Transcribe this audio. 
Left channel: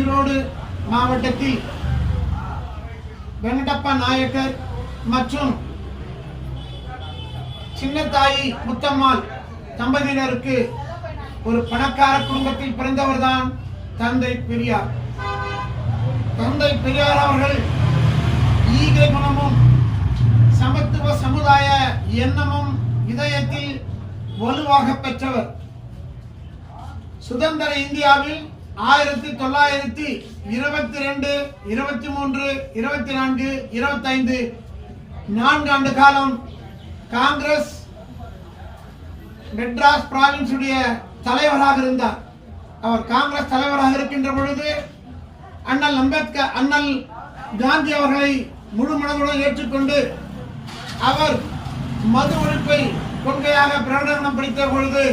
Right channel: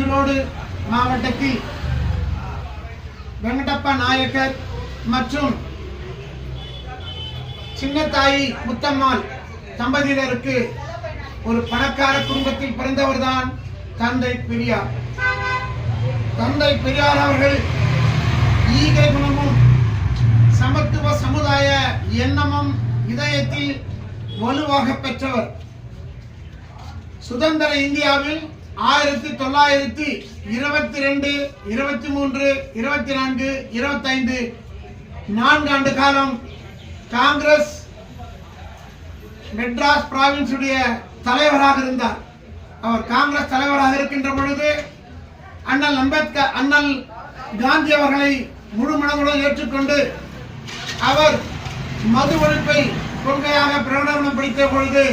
ஈரோடு மாவட்டத்தில் வெங்கடப்ப நாயக்கர் மற்றும் சின்னத்தாயி முத்தம்மாள் தம்பதியினருக்கு ஒரு பணக்கார குடும்பத்தில் பிறந்தவர்தான் தந்தை பெரியார். தந்தை பெரியார் அவர்கள் ஈகை குணமும் சமத்துவ சமுதாய எண்ணமும் இதயத்தில் வலுவாக பெற்றவர். சுதந்திர இந்தியாவில் 1922, 23, 24, 25 4 ஆண்டு காலம் காங்கிரஸ் மெட்ராஸ் பிராவின்ஸ் உடைய தலைவராக இருந்தார். அவர் காங்கிரஸ் தலைவராக இருக்கின்ற பொழுது அண்ணல் அம்பேத்கர், அண்ணல் காந்தி அவர்களை முழு மனதுடன் ஏற்றுக்கொண்டு அவர் மது ஒழிப்பை கொள்கையாக பிரகடனம் படித்த பொழுது